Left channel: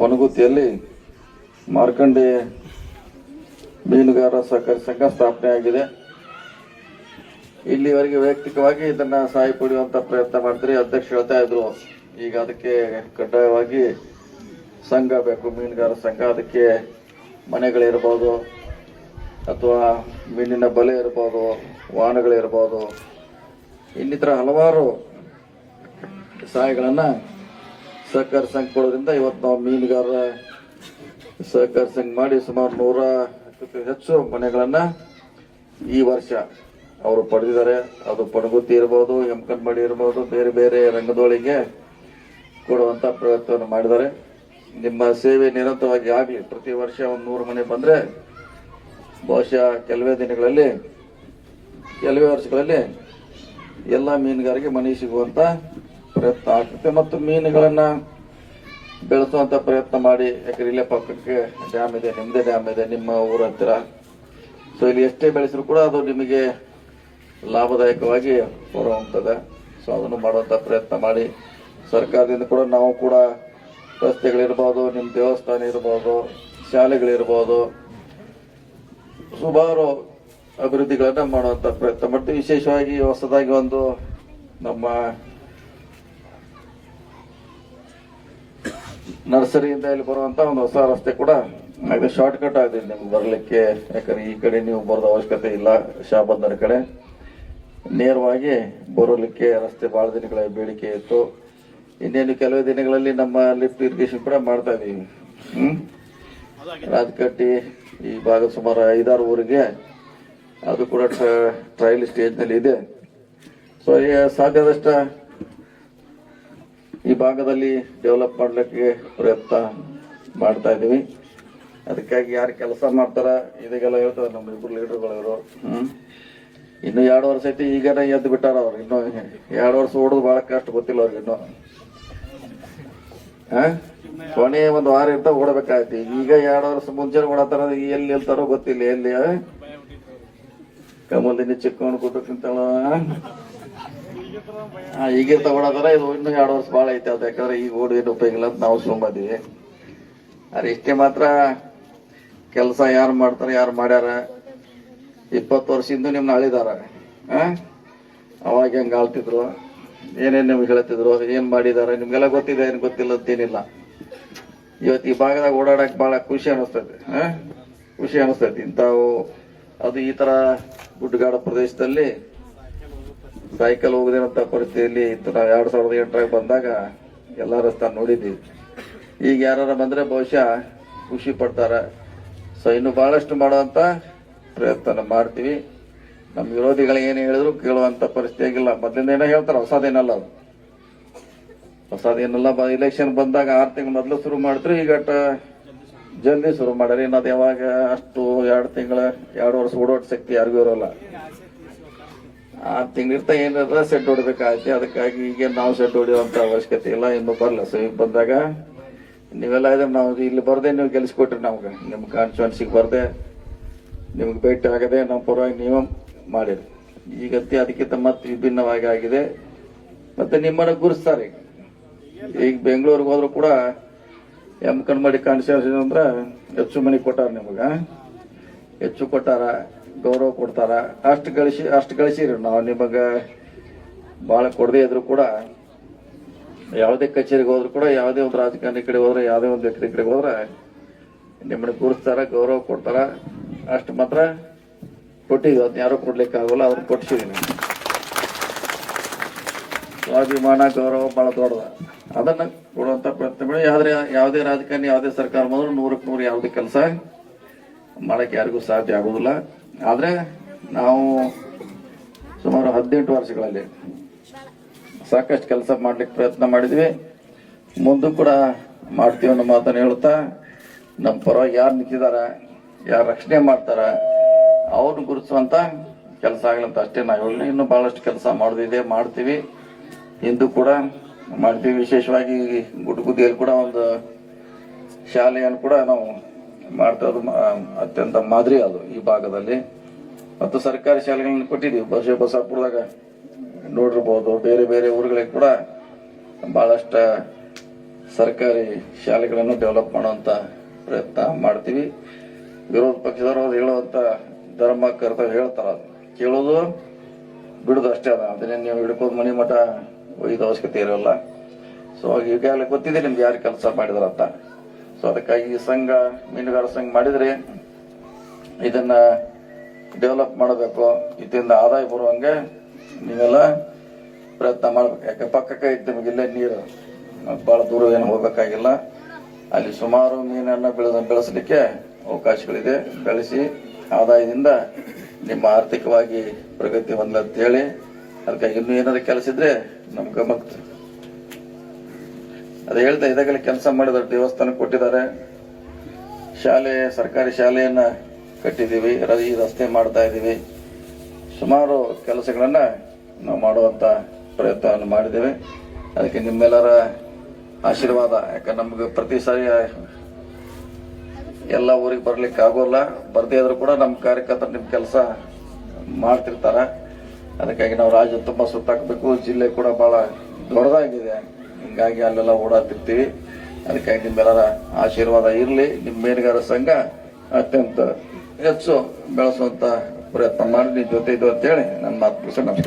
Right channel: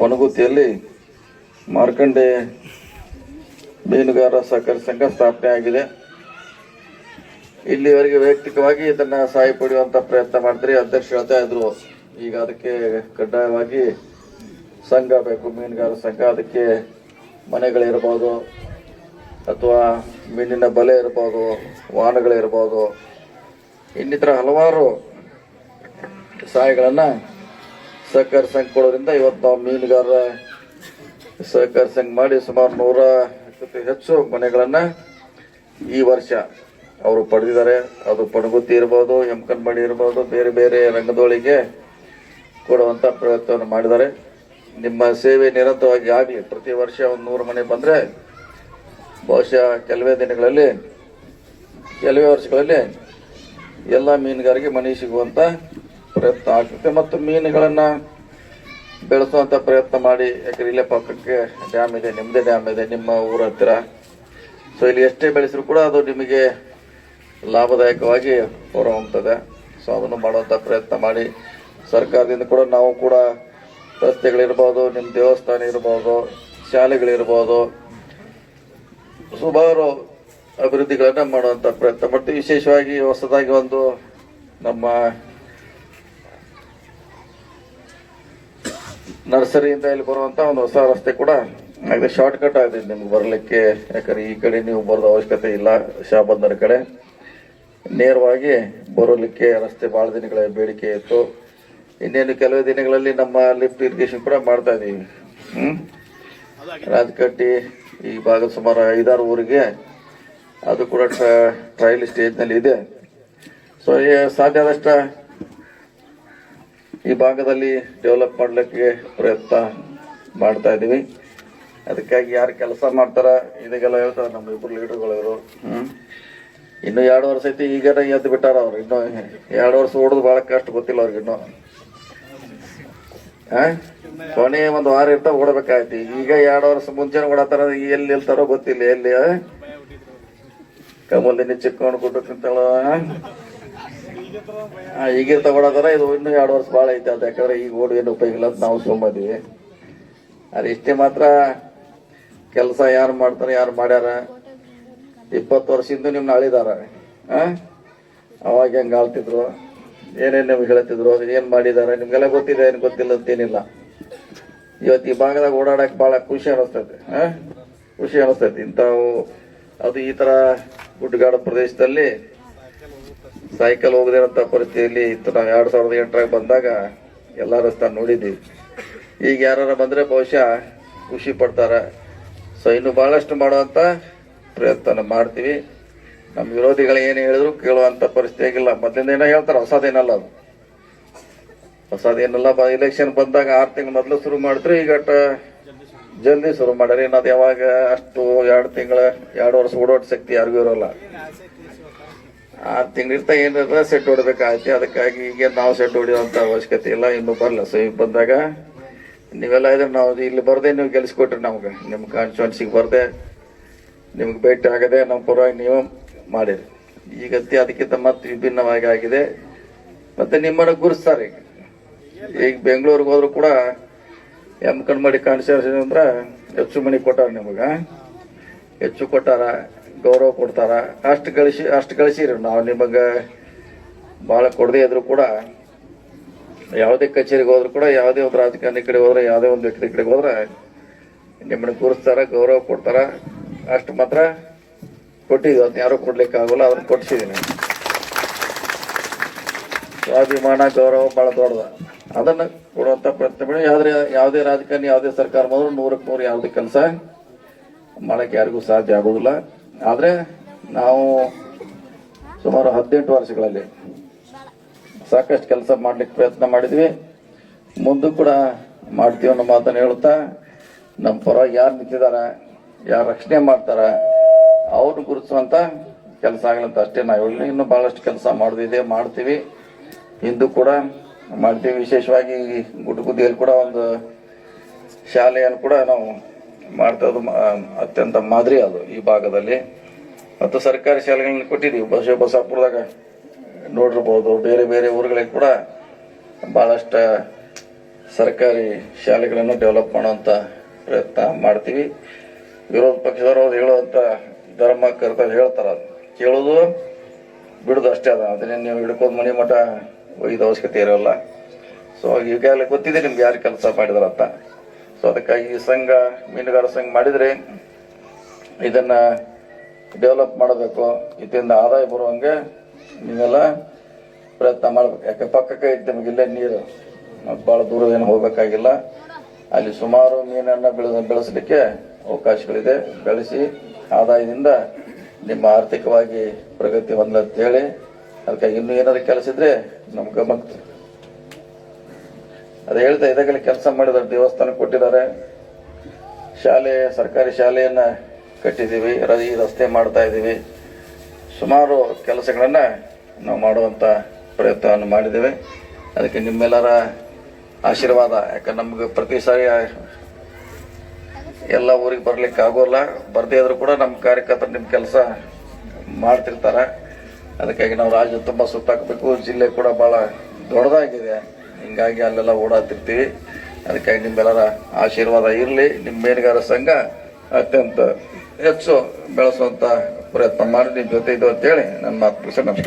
ಪಣಗುತ್ತಿಯಲ್ಲಿ ಮಾರ್ಕಂಡೆ ಮೀನುಗಾರ ಸಹಕಾರಿ ಸಂಘ ಸ್ಥಾಪನೆ ಆಗಿದೆ. ಇಲ್ಲಿವರೆಗೆ ವೈಯಕ್ತಿಕವಾಗಿ ಇದನ್ನ ಸಹಾಯ ಪಡೆಯುವಂತ ಪ್ರಯತ್ನ ಮಾಡ್ತಾರೆ. ಅಧ್ಯಕ್ಷರು ಹೇಳ್ತಾ ಇದ್ರು, ಈಗ ಅದಕ್ಕೆ ಕಡ್ಡಾಯವಾಗಿ ಸಂಘ ಬೇಕು, ಮೀನುಗಾರ ಸಂಘ. ಅದಕ್ಕೆ ಮನೆಗಳಿರ್ಬೋದು ಅಥವಾ ಮೀನಿನ ಬಲೆ ಇರ್ಬೋದು, ವಾಹನಗಳಿರ್ಬೋದು, ಇನ್ನಿತರ ಹಲವಾರು ಸಹಾಯಗಳನ್ನ ಸಹಕಾರಿ ಸಂಘ ಕೊಡೋದ್ರಿಂದ ಇವತ್ತು ನಾವು ಮೀನುಗಾರ ಸಹಕಾರಿ ಸಂಘ ಮಾಡಿ ಸುಮಾರು 100ಕ್ಕೂ ಹೆಚ್ಚು ಮನೆಗಳನ್ನ ಈ ವರ್ಷ ಅವರು ಪಡೆದಿದ್ದಾರೆ. ಅದು ಪಣಗುತ್ತಿ ಇರ್ಬೋದು, ಯಮಕನಮಡಿ ಇರ್ಬೋದು, ಬೇರೆ ಬೇರೆ ರಂಗದೊಳಗೆ ಕೊಡುವಂತ ಪ್ರಯತ್ನ ಮಾಡಿದ್ದಾರೆ. ನಿಮ್ಮ ಸೇವೆ ನಿರಂತರವಾಗಿ ಆಗಲಿ. ಪ್ರತಿ ವರ್ಷ ಒಂದು 100 ಮನೆ ಬಂದ್ರೆ ಬಹುಶಃ ಕೆಲವೇ ವರ್ಷಗಳಲ್ಲಿ ಎಲ್ಲ ಮೀನುಗಾರಿಗೆ ಮನೆ ಸಿಗುವಂತ ಪ್ರಯತ್ನ ಆಗ್ತದೆ. ಮತ್ತು ಮೀನುಗಳನ್ನ ಬೆಳೆಸುವಂತ ಪ್ರಯತ್ನ ಮಾಡಿ. ಯಾಕಂದ್ರೆ ಇಲ್ಲೇ ಪಕ್ಕಕ್ಕೆ ಡ್ಯಾಮ್ ಇದೆ, ನಿಮ್ಮದೇ ಡ್ಯಾಮ್ ಇದೆ ನಿಮ್ಮ ಊರ ಹತ್ತಿರ. ಸೊ ಇಲ್ಲಿ ಎಷ್ಟೇ ಬೆಳೆಸಿದ್ರು ಕೂಡ ಅದು ನಿಮಗೆ ಲಾಭದಾಯಕವಾಗಿ ಹೊರಹೊಮ್ಮುತ್ತದೆ. ಸೊ ಅದನ್ನು ಮಾಡುವಂತ ಪ್ರಯತ್ನ ಮಾಡಿ. ಸರ್ಕಾರದಿಂದ ಕೂಡ ನಾವು ಕೂಡ ರಸ್ತೆಗಳಿರ್ಬೋದು, ನಿಮ್ಮ ದೇವಸ್ಥಾನ ಇರ್ಬೋದು, ಶಾಲೆಗಳಿರ್ಬೋದು, ಸುಮಾರು ಅಭಿವೃದ್ಧಿಗಳನ್ನ ಮಾಡುವಂತ ಪ್ರಯತ್ನ ಮಾಡ್ತೀವಿ. ವಿಶೇಷವಾಗಿ ಹೊಸದಾಗಿ ಒಂದು ನಮ್ಮ ನರ್ಸರಿಯಿಂದ ಇಲ್ಲಿ ಬರುವಂತ ಒಂದು ಹೊಸ ರಸ್ತೆ ಕೂಡ ಆಗಿದೆ. ಶಾರ್ಟ್ ಕಟ್ ಆಗಿದೆ ನಿಮ್ಗೆ ಬರಲಿಕ್ಕೆ. ಯಾಕಂದ್ರೆ ಈ ಕಡೆ ನೀವು ಬರೋದ ಅವಶ್ಯಕತೆ ಇಲ್ಲ. ಶಾಬಂದರ ಕಡೆ ನೇರವಾಗಿ ಬರೋಲಿಕ್ಕೆ ರಸ್ತೆ ಬಹಳ ದಿನಗಳ ಬೇಡಿಕೆ ಇತ್ತು. ಇನ್ನೇನು ಕೆಲವೇ ದಿನಗಳಲ್ಲಿ ನಮ್ಮ ಲಿಫ್ಟ್ ಇರಿಗೇಷನ್ ಕೂಡ ಮಾಡ್ತಾ ಇದೀವಿ. ರಾಜಕಟ್ಟಿ ಈ ಭಾಗದ ಸುಮಾರು 5-6 ಊರಿಗೆ ಅದು ಕೂಡ ಟ್ರಯಲ್ ಸ್ಟೇಜ್ ನಲ್ಲಿ ಇದೆ. ಸೊ ಸಾಧ್ಯ ಆದಷ್ಟ ಈ ಭಾಗದಲ್ಲಿ ಡೆವಲಪ್ ಮಾಡ್ಲಿಕ್ಕೆ ಪ್ರಯತ್ನ ಮಾಡ್ತಾ ಇದೀವಿ. ಅದಕ್ಕಾಗಿ ಯಾರು ಕೆಲಸ ಮಾಡ್ತಾರ ಇದಕ್ಕೆಲ್ಲ ಹೇಳ್ತಾರೆ ನಮ್ಮ ಇಬ್ಬರು ಲೀಡರ್ಗಳು. ಇನ್ನು 2 ವರ್ಷ ಐತಿ, ಈಗ ಎದ್ದು ಬಿಟ್ಟಾರ ಅವ್ರು. ಇನ್ನು 2 ವರ್ಷ ಓಡೋದು ಬಹಳ ಕಷ್ಟ, ಗೊತ್ತಿಲ್ಲ ಅವ್ರಿಗೆ. ಇನ್ನು ಕೊನೆ ಒಂದು ವಾರ ಇರ್ತಾ ಓಡಬೇಕಾಯ್ತಿ. ಈಗ 2 ವರ್ಷ ಮುಂಚೆ ಓಡತಾರ. ಎಲ್ಲಿ ನಿಲ್ತಾರೋ ಗೊತ್ತಿಲ್ಲ. ಎಲ್ಲಿ ಕಮಲಿನಿ ಚಿಕ್ಕವನು ಕೊಟ್ಟು ತಿಂತಾಳ ಈಗ ತಗೊಳತಾರ. ಇದು ಇನ್ನು 2 ವರ್ಷ ಬಹಳ ಐತೆ ಅದು. ಯಾಕಂದ್ರೆ ಈಗ ಓಡಿ ಏನು ಉಪಯೋಗ ಇಲ್ಲ ಅಂತ ನಾವು ಸುಮ್ಮದಿವಿ. ಅರೆ ಇಷ್ಟೇ ಮಾತ್ರ ಕೆಲಸ ಯಾರು ಮಾಡ್ತಾರೆ, ಯಾರು ಮಾಡ್ಯಾರ. 20 ವರ್ಷದಿಂದ ನಿಮ್ನ ಅಳಿದಾರ. ಅವಾಗ ಹೆಂಗ ಆಳ್ತಿದ್ರು, ಏನೇನ್ ನಿಮ್ಗೆ ಹೇಳ್ತಿದ್ರು, ಏನ್ ಮಾಡಿದಾರೆ ನಿಮ್ಗೆಲ್ಲ ಗೊತ್ತಿದೆ. ಏನ್ ಗೊತ್ತಿಲ್ಲ ಅಂತೇನಿಲ್ಲ. ಇವತ್ತು ಈ ಭಾಗದಾಗ ಓಡಾಡಕ್ ಬಹಳ ಖುಷಿ ಅನಿಸ್ತೈತಿ. ಇಂಥವು ಅದು ಈ ತರ ಗುಡ್ಡಗಾಡು ಪ್ರದೇಶದಲ್ಲಿ ಸೈಕಲ್ ಹೋಗದಿರಂತ ಪರಿಸ್ಥಿತಿಯಲ್ಲಿ ನಾವು 2008 ಬಂದಾಗ ಎಲ್ಲ ರಸ್ತೆ ನೋಡಿದ್ವಿ. ಈಗ ಯಾರ ಬಂದ್ರೆ ಬಹುಶಃ ಖುಷಿ ಪಡ್ತಾರೆ. ಸೊ ಇನ್ನು ಬಹಳಷ್ಟು ಮಾಡುವಂತ ಪ್ರಯತ್ನ ಮಾಡ್ತೀವಿ. ನಮ್ಮ ವಿರೋಧಿಗಳು ಏನು ಹೇಳಿದ್ರು ಕೇಳುವಂತ ಪರಿಸ್ಥಿತಿ ಆಗಿಲ್ಲ. ಮೊದಲಿಂದ ಏನೋ ಹೇಳ್ತಾರೆ, ಹೊಸದೇನಲ್ಲ ಅದು. ಹೊಸದೇನಲ್ಲ. ಇಲೆಕ್ಷನ್ ಬಂದಾಗ 6 ತಿಂಗಳು ಮೊದಲು ಶುರು ಮಾಡಿದ್ರು. ಈಗ ಜಲ್ದಿ ಶುರು ಮಾಡ್ಯಾರ. ಇನ್ನದು ಯಾವಾಗ ಅಷ್ಟು 2 ವರ್ಷ ಓಡೋಟ ಶಕ್ತಿ ಯಾರಿಗೂ ಇರೋಲ್ಲ. 6 ತಿಂಗಳಿರ್ತಾ ಏನಾರ ಸೆಟ್ ಹೊಡಬೇಕಾಗತ್ತೆ. ಅದಕ್ಕಾಗಿ ಈಗ ನಾವು ಸೆಟ್ ಹೊಡೆಯುವಂತ ಅವಶ್ಯಕತೆ ಇಲ್ಲ. ಇನ್ನು ಬರಲ್ಲ. ಸೊ ಈಗ ಬಂದಾಗ ನೀವೆಲ್ಲ ಇದ್ರೆ ನಾವು ಇಲ್ಲಿ ಬರ್ದೆ ನೀವು ಗೆಲ್ಸ್ಕೊಟ್ರಿ. ನಮ್ಗೆ ನಿಮ್ ಕಾನ್ಸ್ಟಿಟ್ಯೂನ್ಸಿಗೆ ಬರ್ದೆ ನಿಮ್ಗೆ ಭೇಟಿ ಆಗದೆ ನಮ್ಮ ಪರವಾಗಿ ನೀವು ಮಾಡಿರಿ. ಈಗ ಅದಕ್ಕಿಂತ ಮತ್ತೆ ವಿಭಿನ್ನವಾಗಿ ಆಗಿದೆ. ಮತ್ತೆ ನಿಮ್ಮನ್ನ ಗುರುಸ್ತಾರೆ. ಈಗ ಬೆಂಗಳೂರಿಗೆ ಹೋದ್ರು ಕೂಡ ಯಮಕನಮಡಿ ಕಾನ್ಸ್ಟಿಟ್ಯೂನ್ಸಿ ಅಂದ್ರ ಹೆಚ್ಚು ಮನೆ ಕೊಟ್ಟಾರ. ನಿಮಗ ಹೆಚ್ಚು ಕೊಟ್ಟಾರ, ಗೌರವ ಕೊಡ್ತಾರ. ಅಷ್ಟು ಗಳಿಸಿರಿ. ನಾವು ನಿಮಗ ಬಹಳ ಕೊಡದೇ ಇದ್ರು ಕೂಡ ಯಾವುದೇ ಕಚೇರಿಗೆ ಹೋದ್ರು ಕೂಡ, ಯಾವುದೇ ಒಂದು ರಾಜಕಾರಣಿ ಕಡೆ ಹೋದ್ರೆ, ಯಾವುದೇ ಒಂದು ವ್ಯಕ್ತಿ ಕಡೆಗೆ ಹೋದ್ರೆ ನಿಮ್ಮನ್ನ ಗುರುಸ್ತಾರ, ಗೌರವ ಕೊಡ್ತಾರ. ಅಷ್ಟು ಮಾತ್ರ ಕೊಟ್ಟಿದ್ವಿ. ಅದನ್ನ ಯಾರು ಕೊಡ್ಲಿಕ್ಕೆ ಆಗೋಲ್ಲ. ಅದನ್ನ ಕೊಡ್ಸಿದೀನಿ. ಸ್ವಾಭಿಮಾನ, ಗೌರವ ಬಹಳ ದೊಡ್ಡದ. ಅದನ್ನ ಕೊಡುವಂತ ಪ್ರಯತ್ನ ಮಾಡಿ. ಯಾವುದೇ ರಾಜಕಾರಣಿ, ಯಾವುದೇ ಸರ್ಕಾರ ಬಂದ್ರು 100ಕ್ಕೆ 100 ಯಾವುದೇ ಕೆಲಸ ಮಾಡಕ್ಕೆ ಯಾರಿಗೂ ಸಾಧ್ಯ ಆಗುದಿಲ್ಲ. ಆದ್ರೆ ನಾವು ಸುಮಾರು 18 ವರ್ಷಗಳಲ್ಲಿ ಸಾಕಷ್ಟು ಕೆಲಸ ಮಾಡ್ಲಿಕ್ಕೆ ಪ್ರಯತ್ನ ಮಾಡಿದ್ವಿ. ಮುಂದೂ ಕೂಡ ಮಾಡ್ತೀವಿ ಅನ್ನೋ ಮಾತನ್ನು ಹೇಳುತ್ತಾ, ನಮ್ಮ ಪರವಾಗಿ ಯಾರು ನಿಂತಿದಾರ, ಯಾರು ರಕ್ಷಣೆ ಮಾಡ್ತಾರ ಅವ್ರನ್ನ ಗುರುತಿಸುವಂತ ಕೆಲಸ ಆಗಲಂತ ಅಷ್ಟೇ ನಾವು ಹೇಳಿ. ಇನ್ನು ಬಹಳಷ್ಟು ಕೆಲಸ ಮಾಡೋದಿದೆ, ಮಾಡ್ತೀವಿ. ಇಂದು ಕೂಡ ಮಾಡ್ತೀವಿ. ವಿಶೇಷವಾಗಿ ಗುಡ್ಗುದಿಯಲ್ಲಿ ಕೂಡ ಒಂದು ಶಾಲೆಯನ್ನು ಕೂಡ ನಾವು ಮಾಡ್ತಾ ಇರೋದು ಅತ್ಯಂತ ಮಾದರಿ ಅದು ಈ ಭಾಗದಲ್ಲಿ. ಮತ್ತು ಸರ್ಕಾರಿ ಶಾಲೆಗಳನ್ನ ಕೊಟ್ಟಿದ್ದೀವಿ. ಬಸವಪುರದಾಗ ನೋಡಿರ್ಬೋದು. ಬೇರೆ ಬೇರೆ ಊರುಗಳಿಗೆ ಕೂಡ ಬಹಳಷ್ಟು ಸರ್ಕಾರಿ ಶಾಲೆಗಳನ್ನು ಡೆವಲಪ್ ಮಾಡುವಂತ ಪ್ರಯತ್ನ ಮಾಡ್ತೀವಿ. ವಿರೋಧ ಪಕ್ಷದವರು ಅವ್ರು ಹೇಳುವಂತ ಧರ್ಮ ಕರ್ತವ್ಯ ಹೇಳ್ತಾರ, ಕೇಳೋದು ಬಿಡುದು ಅಷ್ಟೇ ಅದ. ಅದನ್ನೇ ನೀವು ಹಿಡ್ಕೊಂಡು ಮನಿ ಮಠ ಒಯ್ದ ಅವಶ್ಯಕತೆ ಇರೋಲ್ಲ. ಸೊ ಈಗಾಗಲೇ ಗೊತ್ತಿದೆ ನಿಮ್ಗೆ ಯಾರು ಕೆಲಸ ಮಾಡಿದಾರಂತ. ಸೊ ಅದಕ್ಕಾಗಿ ಈ ಸಂಘ, ಮೀನುಗಾರ ಸಂಘ ಮಾಡಿದ್ರೆ ಇದನ್ನ ಡೆವಲಪ್ ಮಾಡಬೇಕು, ಇದರಿಂದ ಆದಾಯ ಬರುವಂಗೆ ನೀವೆಲ್ಲ ಪ್ರಯತ್ನ ಮಾಡ್ಬೇಕು. ಯಾಕೆ ಪಕ್ಕಕ್ಕೆ ಇತ್ತು ನಿಮಗಿಲ್ಲೇ ನೀರು, ಬಹಳ ದೂರ ಏನು ಹೋಗ್ಬೇಕಾಗಿಲ್ಲ. ಅಲ್ಲಿ ಸುಮಾರು ಮೀನನ್ನ ಬೆಳೆಸಲಿಕ್ಕೆ ಅವಕಾಶಗಳಿದೆ. ಬೆಳೆಸಿ ಆದಾಯದಿಂದ ನಿಮ್ಮ ಆರ್ಥಿಕವಾಗಿ ಪ್ರಗತಿ ಹೊಂದಲಿ ಅಂತ ಹೇಳಿ, ಅದಕ್ಕಾಗಿ ಇನ್ನೂ ಏನಾದ್ರು ಕೆಲಸ ಇದ್ರೆ ನಮ್ಮ ಗಮನಕ್ಕೆ ಅದು ಹೇಳ್ತಾ ಇದಾಗಲೇ ಕೆಲಸ ಮಾಡಿದ್ದಾರೆ. ದೇವಸ್ಥಾನ ಕೊಟ್ಟಿದ್ದಾರೆ, ಶಾಲೆ, ಸರ್ಕಾರಿ ಶಾಲೆಯನ್ನ ಕಟ್ಟಿದ್ದೀವಿ, ಈ ರಸ್ತೆ ಮಾಡ್ತಾ ಇದ್ದೀವಿ. ಸುಮಾರು ಕೆಲಸಗಳನ್ನ ನಾವು ಮಾಡುವಂತ ಪ್ರಯತ್ನವನ್ನು ಮಾಡಿದ್ದೇವೆ. ಅದಕ್ಕೆ ನಿಮ್ಮೆಲ್ಲರ ಆಶೀರ್ವಾದ. ಯಾಕಂದ್ರೆ ನಮ್ಗೆ ಪ್ರತಿ ಸಾರಿ ಎಲ್ಲ ಊರಿಗೆ ಬರ್ಲಿಕ್ಕೆ ಆಗೋಲ್ಲ, ಬರ್ದೇ ಇದ್ರು ಕೂಡ ನಮ್ಮ ಕಾರ್ಯಕರ್ತರು ನಿಮ್ ಕೆಲಸ ಮಾಡ್ತಿರ್ತಾರೆ. ಅದಕ್ಕಾಗಿ ನಾವು ರಾಜ್ಯ ತುಂಬಾ ಸುತ್ತಾಕಬೇಕು. ಜಿಲ್ಲೆ ಕೂಡ ಬಹಳ ದೊಡ್ಡದಾಗಿದೆ, ಹಿಂಗಾಗಿ ಅಲ್ಲೆಲ್ಲ ಓಡಾಡ್ತಿರ್ತೀವಿ. ಅದಕ್ಕಾಗಿ ನಿಮ್ಮೆಲ್ಲರ ಆಶೀರ್ವಾದ ಇರಲಿ. ನಿಮ್ಮ ಮೀನುಗಾರ ಸಂಘ ಅತ್ಯಂತ ಹೆಚ್ಚು ಬೆಳೆಸುವಂತ ಪ್ರಯತ್ನ ಮಾಡಿ ನಿಮ್ಮ ಜೊತೆ ಇದು ಅಂತೇಳಿ ನನ್ನ ಮಾತು ಮುಗಿಸಿ ನಮಸ್ಕಾರ.